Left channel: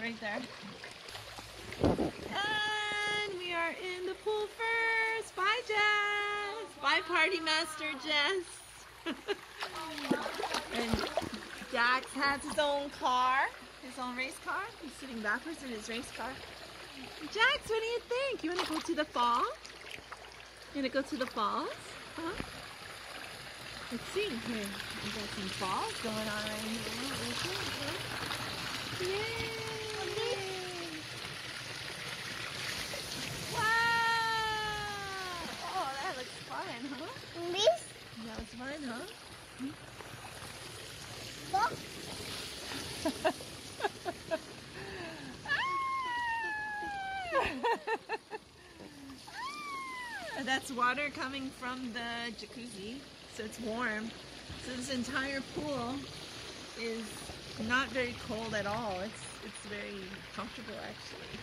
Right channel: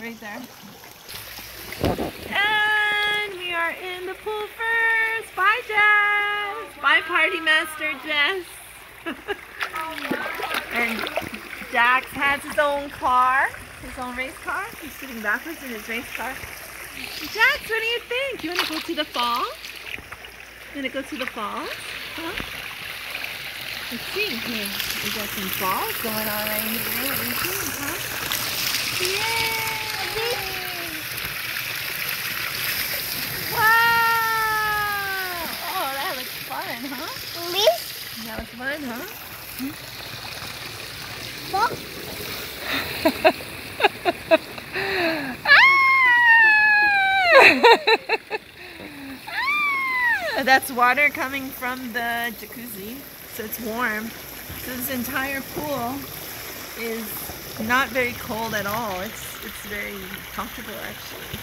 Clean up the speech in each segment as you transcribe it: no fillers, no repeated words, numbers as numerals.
right there. And we are in the pool first. Bye, Jess. Bye, Party Master Jess. And Dax has his own car, his own race car. He's sitting backwards in his race car. Jax, what do you think? You want to go to the falls? You want to go to the falls? Huh? Let's see. Here, we got some falls going on right here. What do you think, huh? Yay! Wow! Oh, that looks fun, huh? That was fun, huh? That's water coming from the jacuzzi, so it's warm. So this entire pool is not very cold at all. It's very comfortable actually.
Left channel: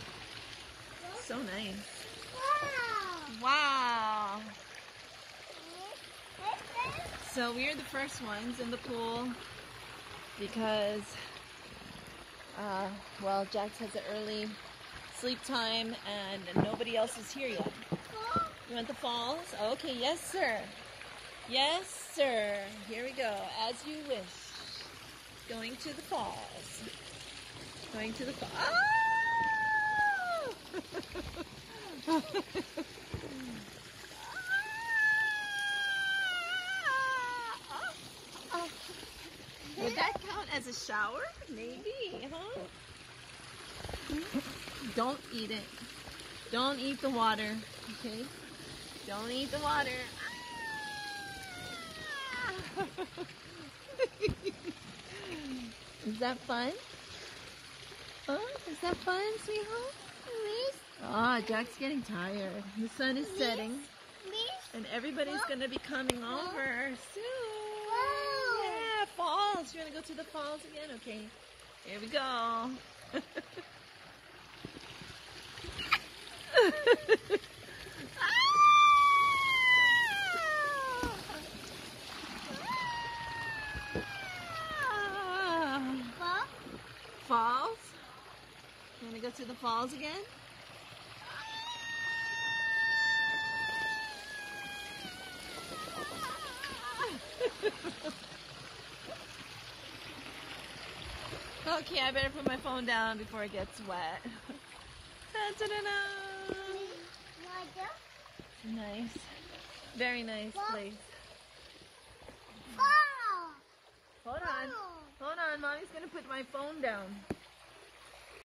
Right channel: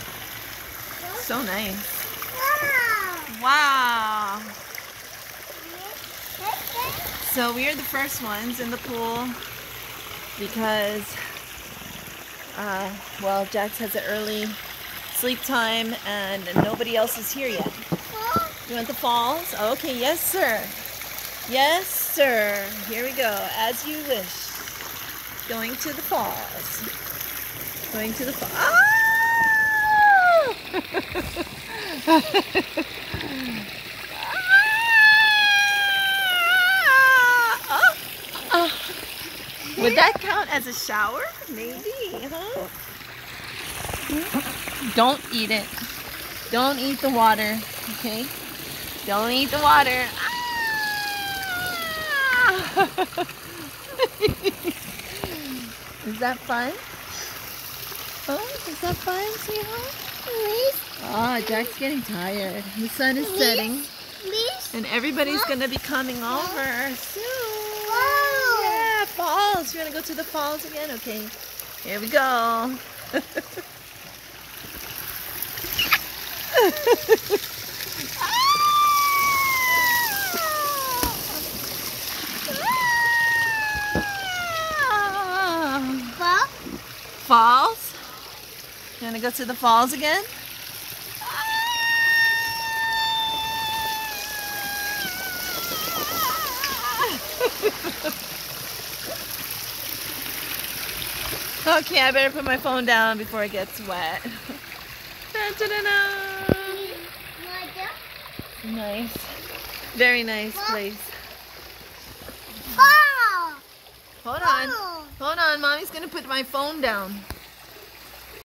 So nice. Wow. So we are the first ones in the pool because well, Jax has an early sleep time and nobody else is here yet. You want the falls? Okay, yes sir. Yes sir. Here we go, as you wish. Going to the falls. Going to the falls. Ah! Would that count as a shower? Maybe, huh? Don't eat it. Don't eat the water, okay? Don't eat the water. Ah! Is that fun? Oh, is that fun, sweetheart? Oh, Jack's getting tired. The sun is setting. And everybody's going to be coming over soon. Yeah, falls. You want to go to the falls again? Okay. Here we go. Falls? You want to go to the falls again? Okay, I better put my phone down before it gets wet. Nice. Very nice place. Hold on. Hold on. Mommy's going to put my phone down.